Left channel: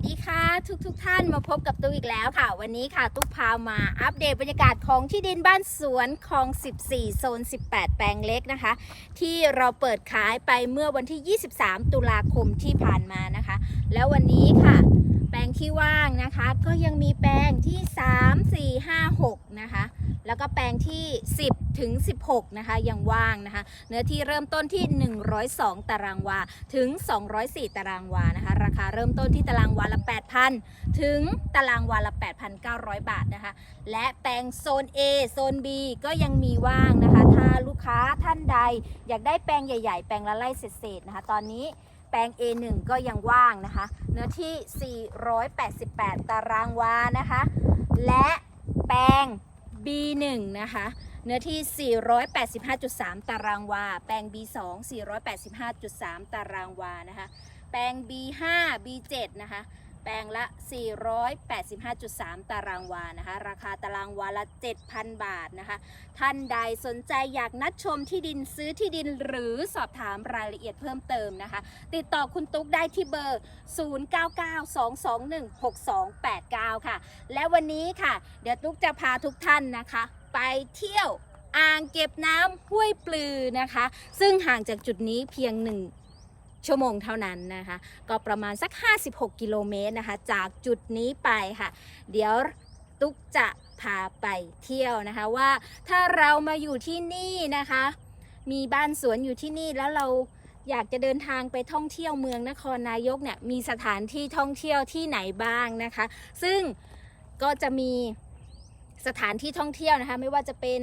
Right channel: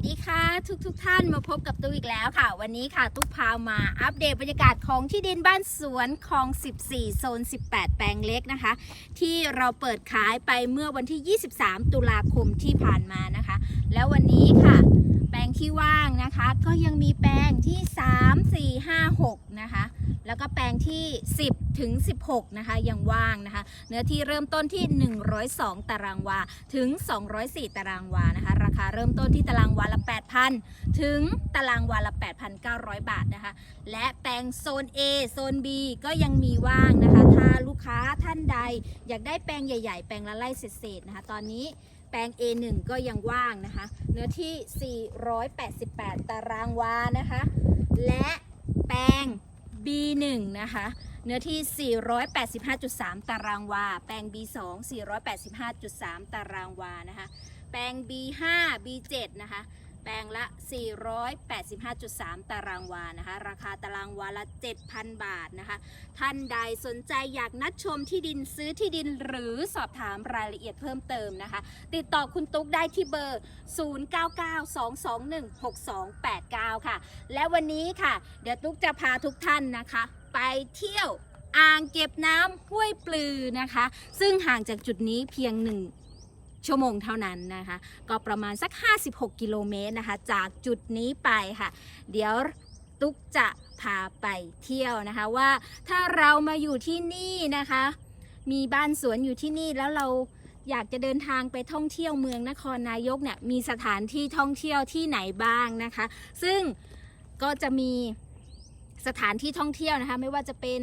สดีค่ะทุกทุกท่านมาพบกับตุ๊กอีกแล้วค่ะ วันนี้ค่ะตุ๊กพามาอัปเดตบรรยากาศของที่ดินบ้านสวนคลอง 14 โซน 18 แปลงเล็กนะคะ ที่เราเปิดขายไปเมื่อวันที่ 23 ตุลาคมที่ผ่านมานะคะ แล้ววันนี้ค่ะ แปลงที่ว่างนะคะ ก็ยังมีแปลงที่ 3 4 5 6 นะคะ แล้วก็แปลงที่ 10 ถึง 16 นะคะ ยังว่างนะคะ เนื้อที่เริ่มต้นที่ 102 ตารางวา ถึง 204 ตารางวานะคะ ราคาเริ่มต้นที่ตารางวาละ 8,000 ถึงตารางวาละ 8,900 บาทนะคะ และแปลงโซน A โซน B ก็ยังมีว่างนะคะ ถ้าลูกค้าท่านใด อยากได้แปลงใหญ่ ๆ แปลงละไร่เศษๆนะคะ ตอนนี้แปลง A1 ก็ยังว่างนะคะ เนื้อที่ 488 ตารางวานะคะ และแปลง B1 นะคะ เนื้อที่ 485.3 ตารางวา แปลง B2 485.3 ตารางวานะคะ แปลง B5 B7 นะคะ แปลงละ 485.3 ตารางวานะคะ ราคาตารางวาละ 7,000 บาทนะคะ ท่านใดสนใจอยากนัดชมที่ดินซื้อที่ดินหรือสอบถามรายละเอียดเพิ่มเติมนะคะ ติดต่อคุณตุ๊กได้ที่เบอร์ 0992216289 ค่ะ และวันนี้ค่ะ เดี๋ยวตุ๊กจะพาทุกท่านนะคะ ไปเที่ยวอ่างเก็บน้ำห้วยปลือนะคะ ซึ่งห่างจากจุดนี้เพียงหนึ่ง ชั่วโมงเท่านั้นนะคะ ก็ประมาณสัก 56 กิโลเมตรนะคะ จากจุดนี้ไปค่ะ เดี๋ยวตุ๊กจะพาไปเที่ยวนะคะว่าถ้าเรามาอยู่ที่นี่นะคะ มีบ้านสวนอยู่ที่นี่แล้วเราอยากจะเดินทางไปท่องเที่ยวเมืองนครนายกเนี่ยมีสถานที่ท่องเที่ยวที่ไหนบ้างนะคะ ซึ่งก็จะมีสถานที่ท่องเที่ยวนะคะ ไม่ว่าจะเป็น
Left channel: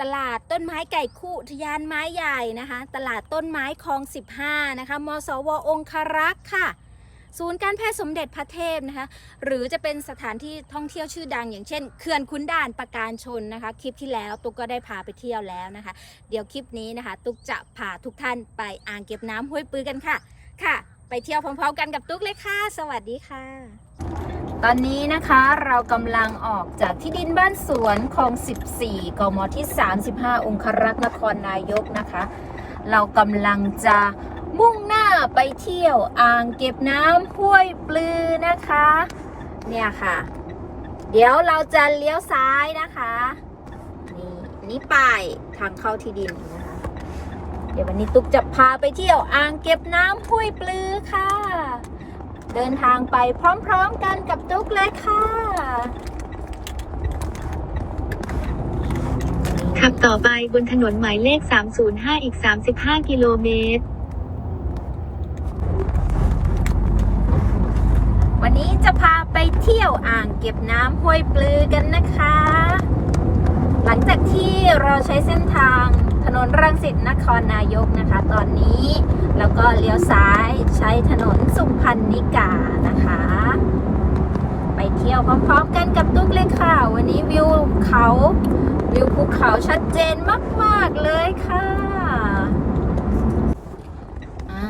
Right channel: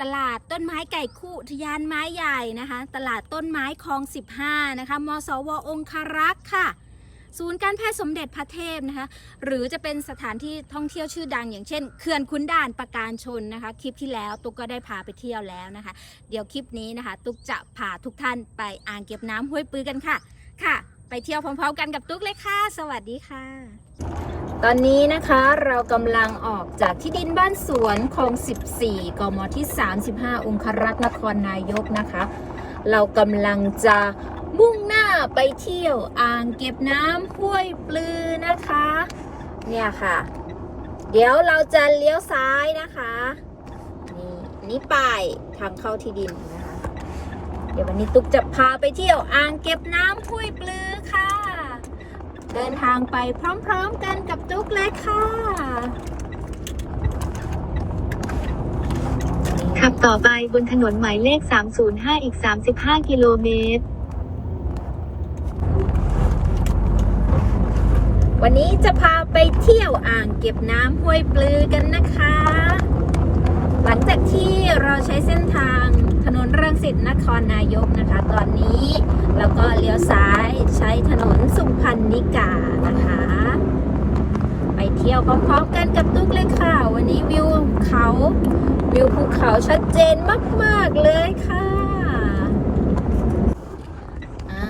ตลาดต้นไม้ไก่คู่ทยานไม้ใหญ่นะคะ ตลาดต้นไม้คลอง 15 นะคะ มสวองครักษ์ค่ะ ศูนย์การแพทย์สมเด็จพระเทพนะคะ หรือจะเป็นสถานที่ท่องเที่ยวชื่อดัง อย่างเช่นเขื่อนขุนด่านประการชนนะคะ คลิปที่แล้วตุ๊กก็ได้พาไปเที่ยวแล้วนะคะ เดี๋ยวคลิปนี้นะคะ ตุ๊กจะพาทุกท่านไปอ่างเก็บน้ำห้วยปือกันค่ะ ค่ะ ไปเที่ยวพร้อมๆ กันกับตุ๊กเลยค่ะ สวัสดีค่ะ ตอนนี้นะคะเรากำลังออกจากที่ดินบ้านสวนคลอง 14 กมที่ 35 องครักษ์นครนายกนะคะ เรากำลังจะมุ่งหน้าไปเที่ยวอ่างเก็บน้ำห้วยปลือนะคะ เนี่ยค่ะ เดี๋ยวเราจะเลี้ยวซ้ายนะคะ นี่นี่ป้ายทางเข้าที่ดินนะคะ เดี๋ยววันนี้ตุ๊กจะพาไปเที่ยวอ่างเก็บน้ำห้วยปลือค่ะ เดินทางไปพร้อมๆกันกับตุ๊กเลยค่ะ ขับต่อไปบนถนนหมายเลข 305 อีก 35 กิโลเมตร วันนี้จะพาไปเที่ยวอ่างเก็บน้ำห้วยปลือกันนะคะ หลังจากที่เราใช้เส้นทางถนนรังสิตนครนายกนะคะ ตอนนี้ แล้วก็เลี้ยวซ้ายใช้ถนนสุพรรณนิกานะคะ ไปเที่ยวพร้อมๆกันกับตุ๊กเลยค่ะ วันนี้วิวเขา วิวภูเขาชัดเจนมาก ๆ เลยค่ะ อ่า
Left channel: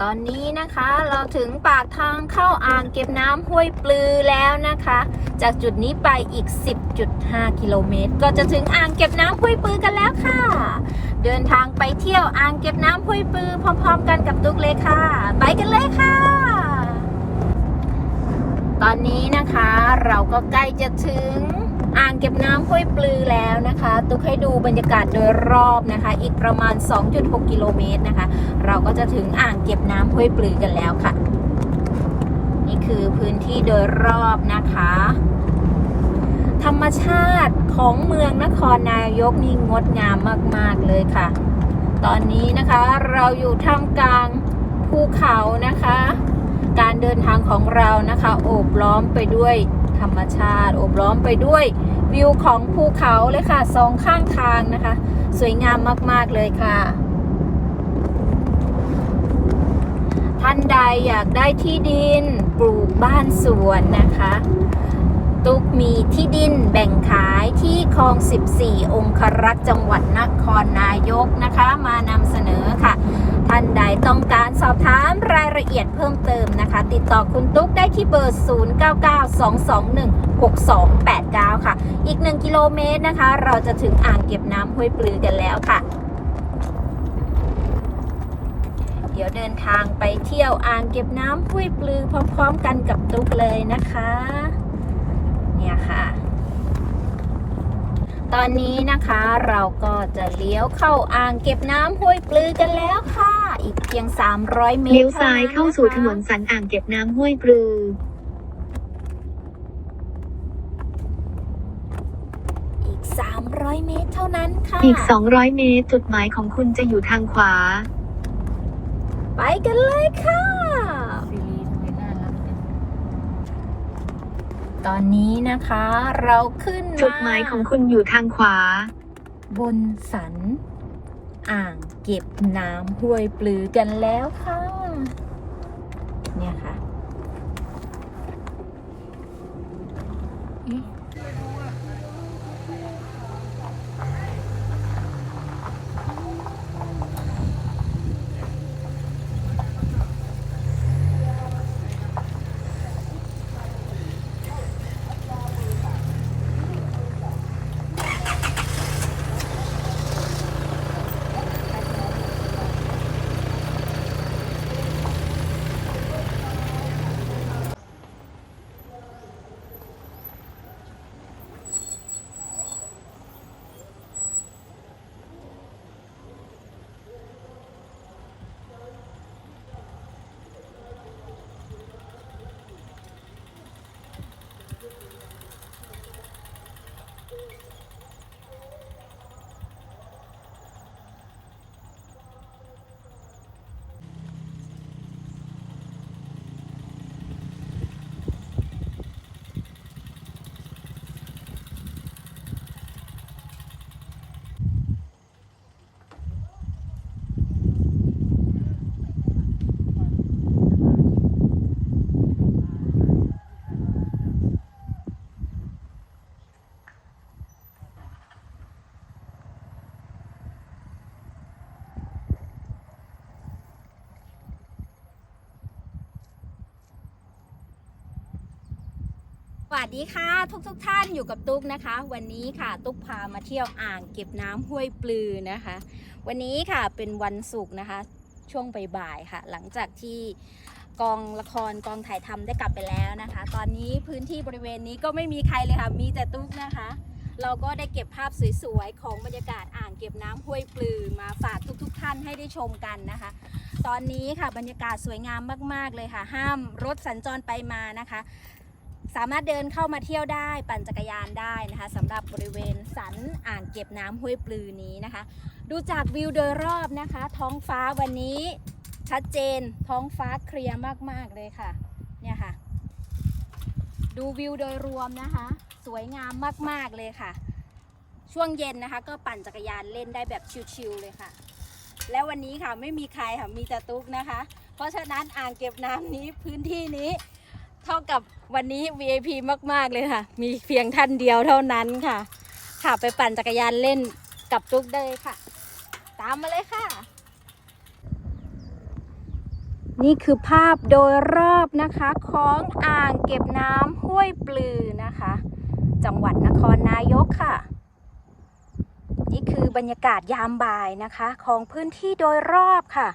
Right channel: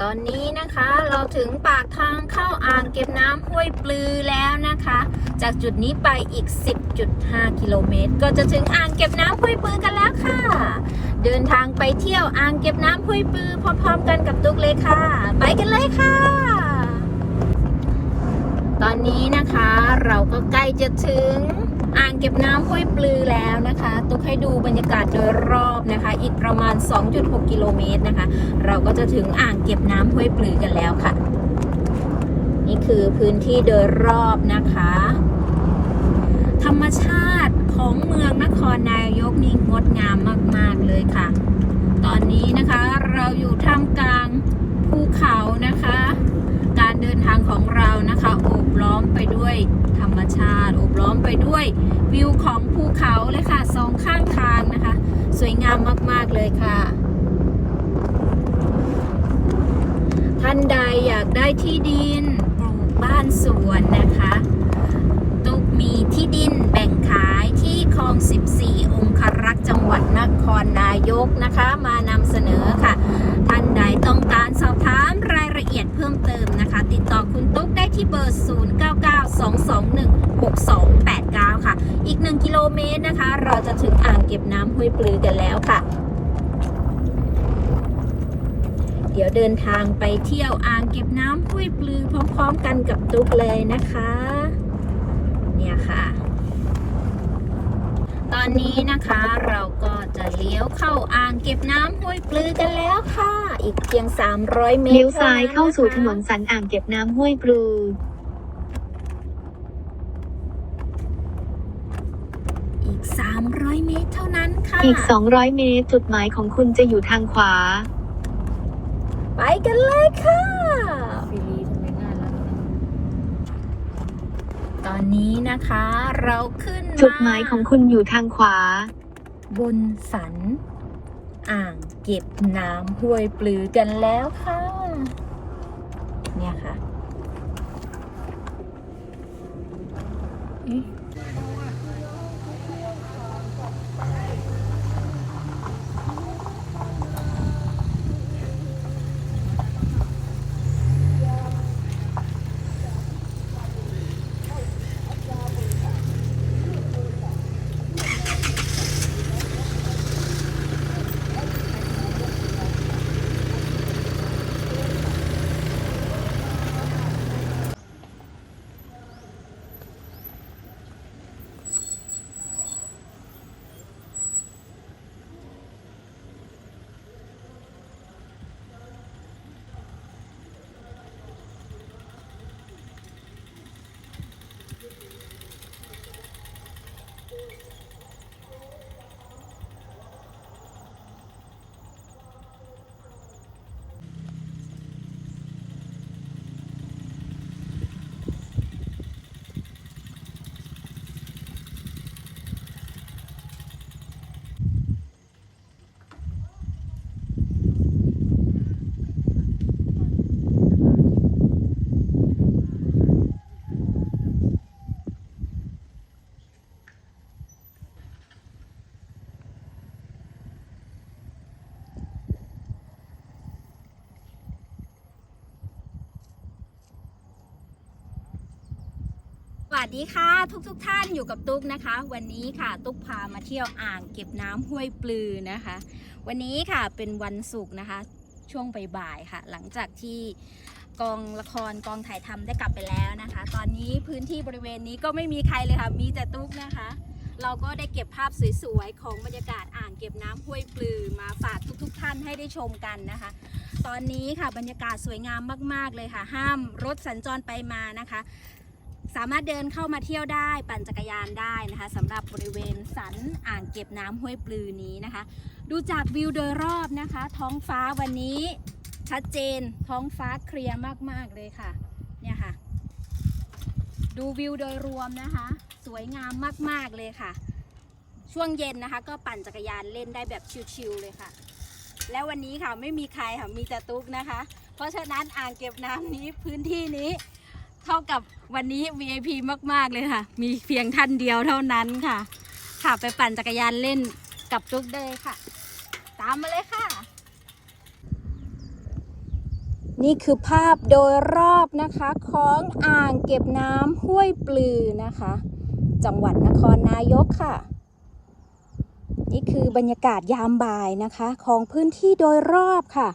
ต อนนี้นะคะเราถึงปากทางเข้าอ่างเก็บน้ำห้วยปลือแล้วนะคะ จากจุดนี้ไปอีก 10.5 กิโลเมตร ก็จะถึงอ่างเก็บน้ำห้วยปลือกันแล้วค่ะ เดินทางไปเที่ยวอ่างเก็บน้ำห้วยปลือพร้อม ๆ กันกับตุ๊กเลยค่ะ ไปกันเลยค่ะ ตอนนี้นะคะเราก็ใกล้จะถึง อ่างเก็บน้ำห้วยปลือแล้วนะคะ ตุ๊กให้ดูบรรยากาศโดยรอบนะคะ อีกประมาณ 2.6 กิโลเมตรนะคะ เราก็จะถึงอ่างเก็บน้ำห้วยปลือกันแล้วค่ะ นี่คือพื้นที่โดยรอบนะคะ ธรรมชาติของเมืองนครนายกนี่งดงามมาก ๆ เลยค่ะ ตอนนี้นะคะเราอยู่ท่ามกลางภูเขานะคะ การเดินทางของเรานะคะ โอบล้อมไปด้วย ธรรมชาติอบล้อมไปด้วยวิวของภูเขาเลยค่ะสองข้างทางนะคะ สวยงามมากๆเลยค่ะ ท่านใดอยากได้ที่ดินปลูกบ้านสวนนะคะ ตุกมีที่ดินแบ่งขายที่คลอง 14 องครักษ์จังหวัดนครนายกนะคะ มานำเสนอค่ะ ท่านใดต้องการสอบถามรายละเอียดเพิ่มเติมนะคะ ติดต่อคุณตุ๊กได้ที่เบอร์ 0992216289 ค่ะ อีก 1 กิโลเมตรนะคะ เราจะถึงอ่างเก็บน้ำห้วยปลือกันแล้วค่ะเดี๋ยวเดินทางไปเที่ยวอ่างเก็บน้ำห้วยปลือพร้อม ๆ กันกับตุ๊กเลยนะคะ นี่ยค่ะตอนนี้นะคะเราก็จะเลี้ยวเข้าอ่างเก็บน้ำห้วยปลือกันแล้วค่ะ อีกเพียง 300 เมตรเลี้ยวซ้ายท่เข้าะคะสู่ถนนสันอ่างเก็บน้ำห้วยปลืออีก300 เมตรเท่านั้นค่ะ อีก 200 เมตร จุดหมายของคุณจะอยู่ทางขวา ไปกันเลยค่ะ ตอนนี้นะคะ เราขึ้นจุดหมายของคุณอยู่ทางขวา บนสัน อ่างเก็บน้ำห้วยปลือกันแล้วค่ะ เนี่ยค่ะ ดีค่ะทุกทุกๆท่านอยู่กับตุ๊กนะคะ วันนี้ค่ะตุ๊กพามาเที่ยวอ่างเก็บน้ำห้วยปลือนะคะ วันนี้ค่ะเป็นวันศุกร์นะคะ ช่วงบ่ายๆค่ะ หลังจากที่กองละครกองถ่ายทำได้กลับไปแล้วนะคะ ตอนนี้พื้นที่บริเวณนี้ก็ไม่มีใครเลยค่ะ มีแต่ตุ๊กนะคะ เราก็ได้เก็บภาพสวยๆของบรรยากาศอ่างเก็บน้ำห้วยปลือมาฝากทุกๆท่านให้ได้ชมกันนะคะตอนนี้ค่ะบรรยากาศสวยงามมาก ๆ เลยค่ะ ห้ามรถสัญจรไปมานะคะ สามารถเดินเข้ามาเที่ยวได้ปั่นจักรยานได้นะคะสำหรับบริเวณสันอ่างเก็บน้ำห้วยปลือนี้นะคะ ดูจากวิวโดยรอบนะคะ ท้องฟ้าวันนี้ชัดเจนท้องฟ้าเคลียร์มากๆเลยค่ะเนี่ยค่ะ ดูวิวโดยรวมนะคะ สวยงามมากๆเลยค่ะ ช่วงเย็นนะคะ ก็ปั่นจักรยานเล่นได้แบบชิลๆเลยค่ะ แล้ววันนี้ค่ะไม่มีใครค่ะมีแต่ตุ๊กนะคะ เพราะฉะนั้นอ่างเก็บน้ำนี้พื้นที่นี้ เท่ากับวันนี้ VIP มาก ๆ เลยค่ะ มีเพียงท่านเดียวเท่านั้นค่ะ ค่ะไปปั่นจักรยานเล่นกับตุ๊กได้ค่ะ ตามมาเลยค่ะ นี่คือภาพโดยรอบนะคะของอ่างเก็บน้ำห้วยปลือนะคะ จังหวัดนครนายกค่ะ นี่คือบรรยากาศยามบ่ายนะคะ ของพื้นที่โดยรอบค่ะ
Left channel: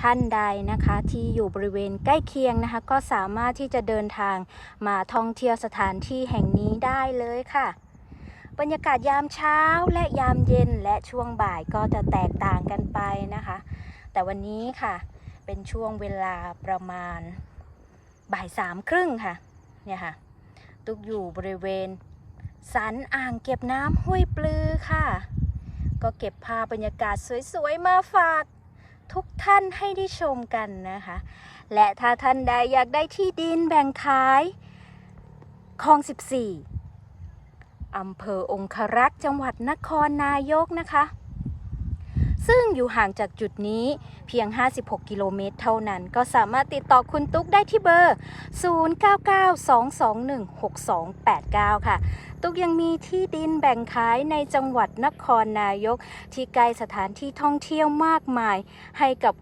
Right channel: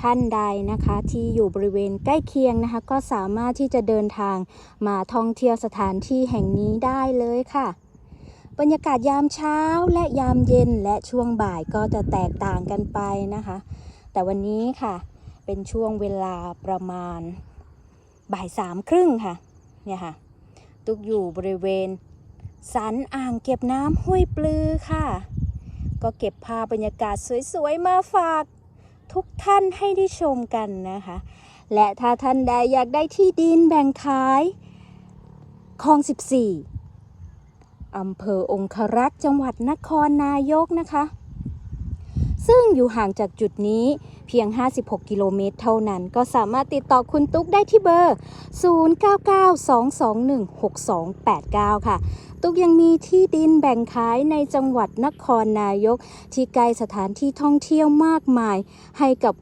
ท่านใดนะคะที่อยู่บริเวณใกล้เคียงนะคะ ก็สามารถที่จะเดินทางมาท่องเที่ยวสถานที่แห่งนี้ได้เลยค่ะ บรรยากาศยามเช้าและยามเย็นและช่วงบ่ายก็จะแตกต่างกันไปนะคะ แต่วันนี้ค่ะเป็นช่วงเวลาประมาณบ่ายสามครึ่งค่ะเนี่ยค่ะ ตุกอยู่บริเวณสันอ่างเก็บน้ำห้วยปลือค่ะ ก็เก็บภาพบรรยากาศสวยๆ มาฝาก ทุกท่านให้ได้ชมกันนะคะ และถ้าท่านใดอยากได้ที่ดินแบ่งขายคลอง 14อำเภอองครักษ์จังหวัดนครนายกนะคะ ซึ่งอยู่ห่างจากจุดนี้เพียง 56 กิโลเมตรเท่านั้น ก็สามารถติดต่อคุณตุ๊กได้ที่เบอร์ 0992216289 ค่ะ ตุ๊กยังมีที่ดินแบ่งขายในจังหวัดนครนายก ที่ใกล้สถานที่ท่องเที่ยวมากมาย ให้กับ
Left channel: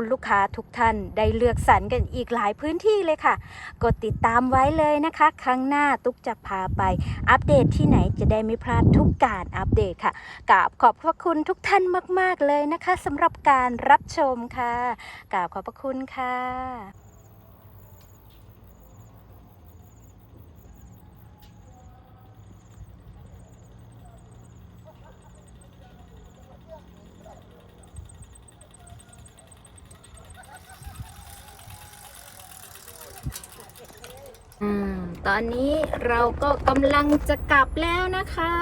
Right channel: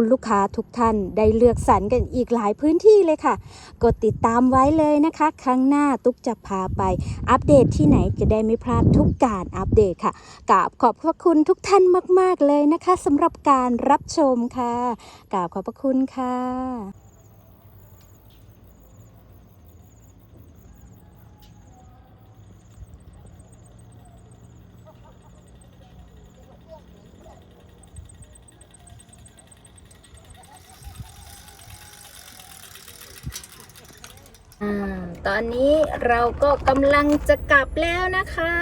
คุณลูกค้าทุกท่านได้เลือกสรรกันอีกหลายพื้นที่เลยค่ะ กดติดตามไว้เลยนะคะ ครั้งหน้าตุ๊กจะพาไป อัปเดตที่ไหนจะได้ไม่พลาดทุกการอัปเดตค่ะกราบขอบพระคุณทุกท่านมาก ๆ เลยนะคะสำหรับการรับชมค่ะกราบขอบพระคุณค่ะ ตอนนี้เราก็กำลังจะกลับแล้วนะคะ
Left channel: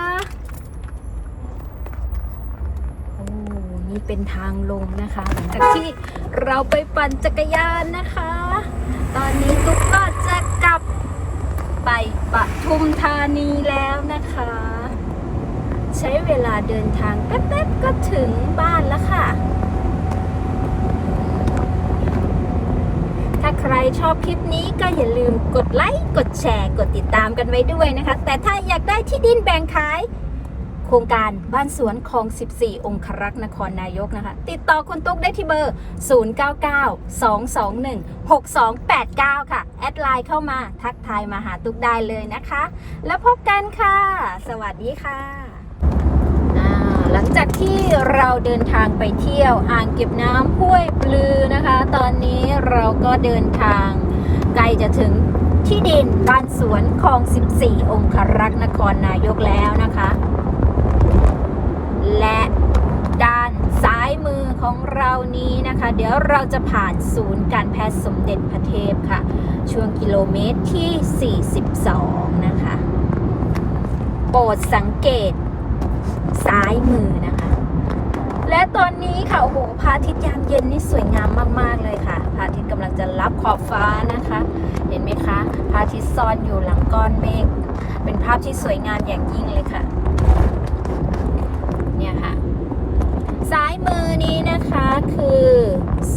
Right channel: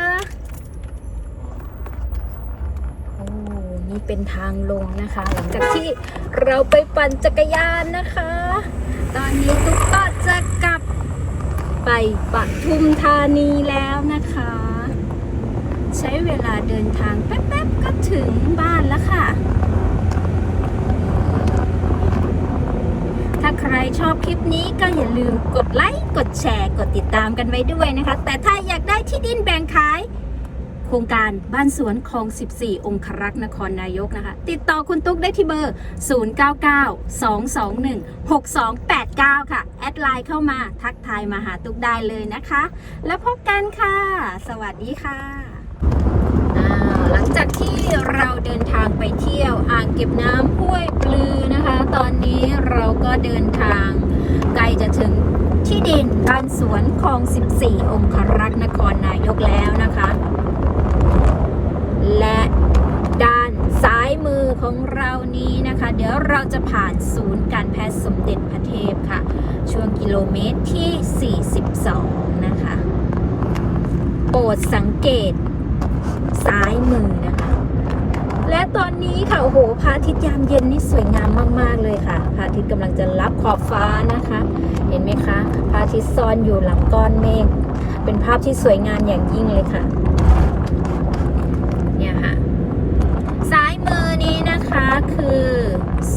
โอ้นี่เป็นทางลงนะคะ หลังจากที่เราไปปั่นจักรยานนะคะ ตอนนี้ตุ๊กก็จะกลับไปปทุมธานีแล้วนะคะ ใช้เวลาเดินทางแป๊บๆก็ถึงบ้านแล้วค่ะ ถ้าใครชอบคลิปนี้ก็อย่าลืมกดไลค์กดแชร์ กดติดตามกันไว้ด้วยนะคะ แต่ถ้าอยากได้ที่ดินแบ่งขาย โครงการบ้านสวนคลอง 14 องครักษ์นครนายกนะคะ ติดต่อคุณตุ๊กได้ที่เบอร์ 0992216289 ค่ะ แอดไลน์เข้ามาทักทายมาหาตุ๊กได้เลยนะคะ แล้วพบกันค่ะ สวัสดีค่ะ หลังจากที่เราเดินทางไปเที่ยวอ่างเก็บน้ำห้วยปลือนะคะ ตอนนี้เราก็เดินทางใกล้จะถึงที่ดินบ้านสวนคลอง 14 องครักษ์นครนายกแล้วนะคะ และด้านซ้ายมือของเรานี้นะคะ เดี๋ยวเราจะผ่านศูนย์การแพทย์สมเด็จพระเทพค่ะ ช่วงกิโลเมตรที่ 42 นะคะ โปรดสังเกต ซ้ายมือนะคะ และตอนนี้ค่ะโอ้โหพระอาทิตย์ยามเย็นนี่สวยงามมากๆเลยค่ะพระอาทิตย์กำลังจะรับขอบฟ้านะคะ เห็นไหมคะพระอาทิตย์ซ่อนอยู่หลังก้อนเมฆเป็นภาพที่สวยงามอย่างยิ่งเลยค่ะเนี่ยค่ะซ้ายมือนี้นะคะคือ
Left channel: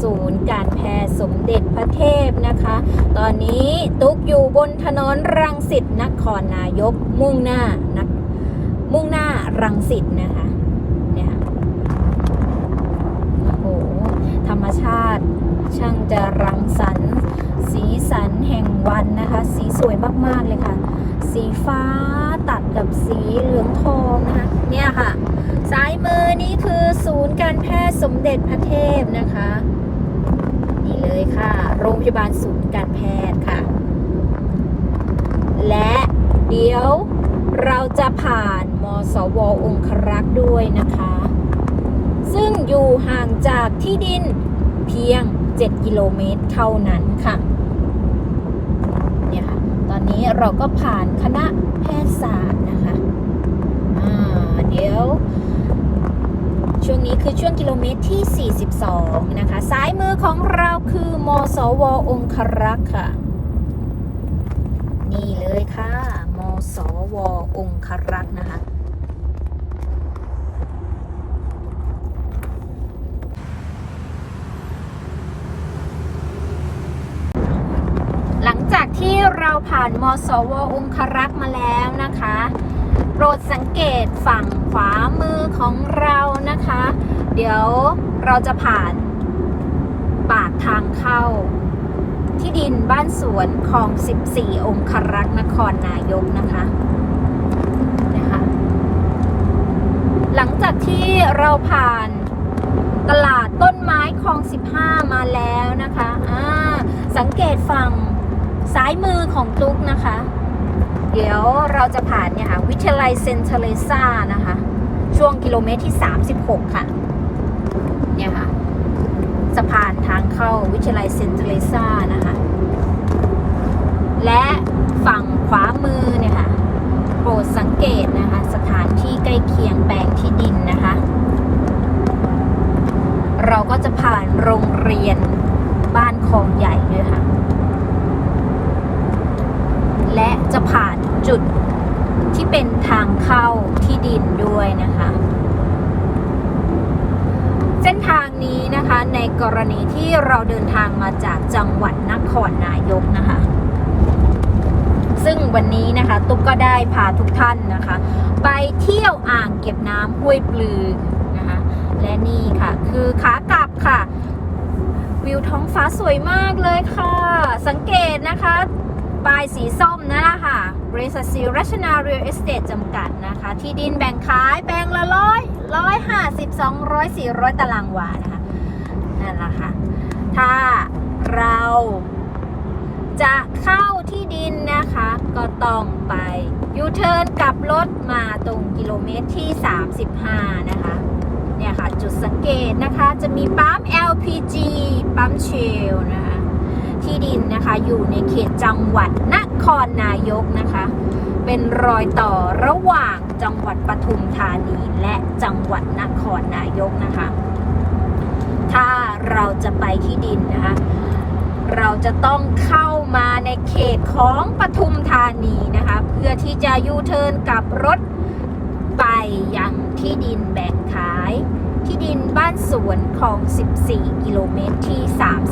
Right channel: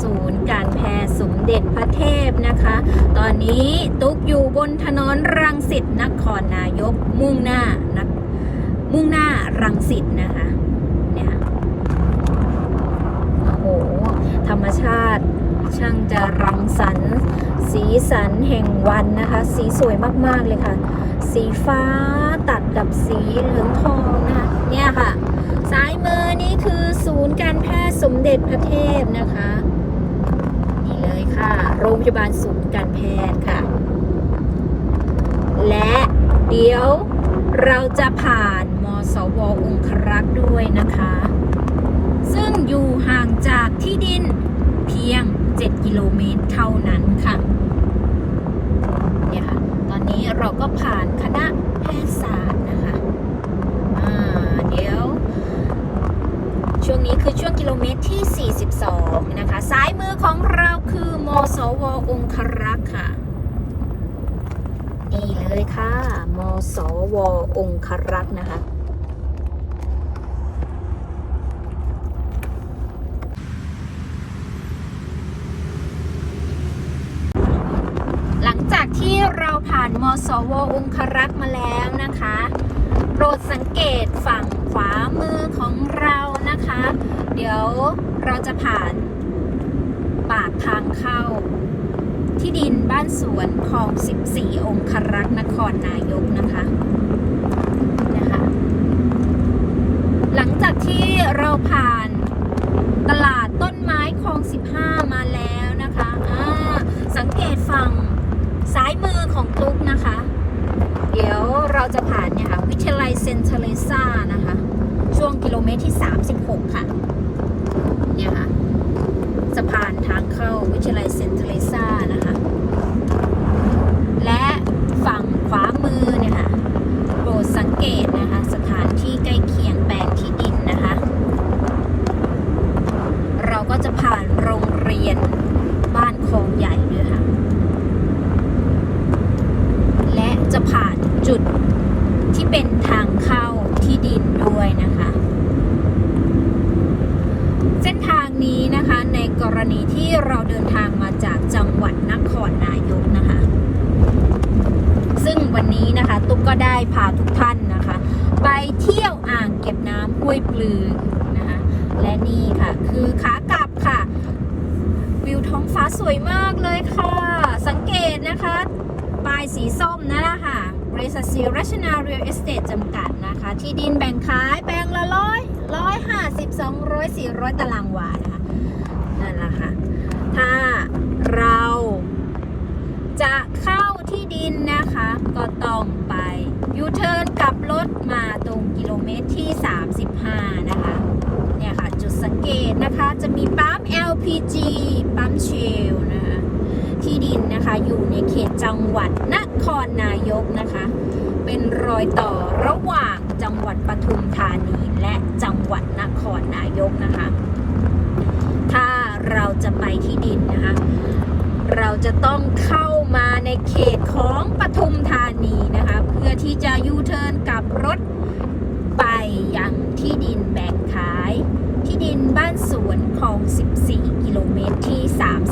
ศูนย์การแพทย์สมเด็จพระเทพนะคะ ตอนนี้ตุ๊กอยู่บนถนนรังสิตนครนายกมุ่งหน้านะ มุ่งหน้ารังสิตนะคะเนี่ยโอ้โห ธรรมชาติช่างจะรังสรรค์สีสันแห่งวันนะคะ สีสวยมากๆเลยค่ะ สีฟ้าตัดกับสีเหลืองทองนะคะเนี่ยค่ะซ้ายมือนี่คือศูนย์การแพทย์สมเด็จพระเทพนะคะ นี่เลยค่ะ โรงพยาบาลศูนย์การแพทย์ค่ะ และเดี๋ยวเราจะผ่าน สวองครักษ์ด้วยนะคะ ซึ่งอยู่ห่างจากที่ดินเพียง 7 กิโลเมตรเท่านั้นค่ะเนี่ยค่ะ ตอนนี้เราก็ผ่านคณะแพทยศาสตร์นะคะอ่าเดี๋ยว ช่วงนี้คือช่วงกิโลเมตรที่ 42 นะคะ ซ้ายมือของเราคือมสวองครักษ์ค่ะนี่เลยค่ะ มสวองครักษ์นะคะ หลังจากที่เรา ผ่านมสวองครักษ์มาแล้วนะคะ โปรดสังเกตฝั่งขวามือของเรานะคะ เดี๋ยวเราจะผ่านปากทางเข้า ที่ดินบ้านสวนของ 14 องครักษ์นครนายกนะคะนะคะ หลังจากที่เราผ่านตลาดต้นไม้คลอง 15 มาแล้วนะคะ สังเกตฝั่ง ซ้ายมือของตุ๊กนะคะ เดี๋ยวเราจะผ่านเนี่ยค่ะวิทยาลัยเซนเทเลซ่านะคะ ช่วงกิโลเมตรที่ 36 ค่ะ เนี่ยค่ะสะพานทางเข้าวิทยาลัยเซนเทเลซ่านะคะ และฝั่งขวามือเนี่ยค่ะโปรดสังเกตนะคะ สถานที่ใกล้เคียงแปลงที่ดินนะคะ เราก็จะผ่านโรงเรียนบ้านคลองใหญ่ด้วยค่ะ และ จะผ่านจุดที่เป็นทางเข้าที่ดินด้วยนะคะ เส้นทางนี้นะคะในกรณีที่เราเดินทางมาจากจังหวัดนครนายกนะคะ ซึ่งวันนี้นะคะตุ๊กก็ได้พาทุกท่านนะคะ ไปเที่ยวอ่างเก็บน้ำห้วยปลือนะคะและนี่ค่ะคือขากลับค่ะ วิวท้องฟ้าสวยมากเลยค่ะ สังเกตนะคะ ป้ายสีส้มนั่นแหละค่ะบริษัทซีรัชนาเรียลเอสเตทจำกัดนะคะ ที่ดินแบ่งขายแบ่งละร้อยร้อยห้าสิบสองร้อยสี่ร้อยตารางวานะคะนั่นแหละค่ะ ถ้าเราจะเข้าที่ดินนะคะ ก็ต้องไปยูเทิร์นกลับรถมาตรงกิโลเมตรที่ 35 นะคะ เนี่ยค่ะ จุดสังเกตนะคะ จะมีปั๊ม LPG ปั๊มเชลนะคะ ที่ดินนะคะ อยู่ในเขตจังหวัดนครนายกนะคะ เป็นรอยต่อระหว่างจังหวัดปทุมธานีและจังหวัดนครนายกนะคะ ถ้าเราจะไปที่ดินนะคะ เราจะต้องเข้ามาในเขตของปทุมธานีนะคะ เพื่อที่จะยูเทิร์นกับรถไปยังที่ดินแบ่งขาย ที่ดินบ้านสวนของ 14 กิโลเมตรที่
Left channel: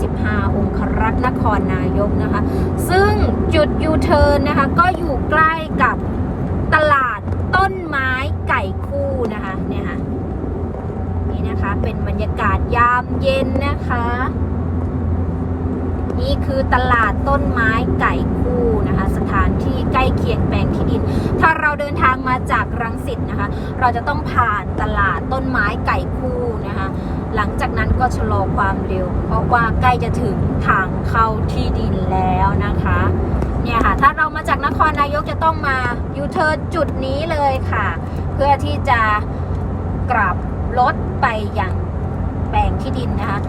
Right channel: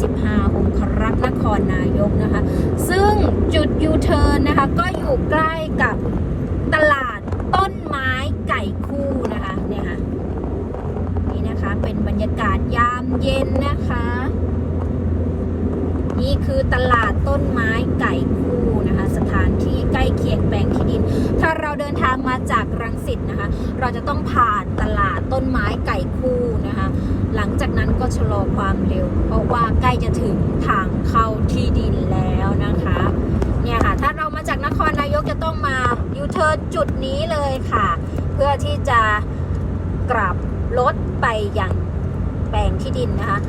35 องครักษ์นครนายกนะคะ ซึ่งจุดยูเทิร์ นนะคะ ก็อยู่ใกล้กับตลาดต้นไม้ไก่คู่นะคะเนี่ยค่ะนี่นะคะเป็นบรรยากาศยามเย็นนะคะ นี่คือตลาดต้นไม้ไก่คู่นะคะ สถานที่ใกล้เคียงแปลงที่ดิน ถ้าเราเดินทางมาจากรังสิตนะคะ เราจะต้องผ่านตลาดต้นไม้ไก่คู่นะคะ หลังจากนั้นก็ชะลอความเร็ว เพราะว่าใกล้จะถึงทางเข้าที่ดินแล้วนะคะ เนี่ยค่ะ ถ้าเรามาจากนครนายกจะต้องมายูเทิร์นจุดนี้เลยค่ะ เพื่อที่จะกลับรถไปยังแปลงที่ดินนะคะ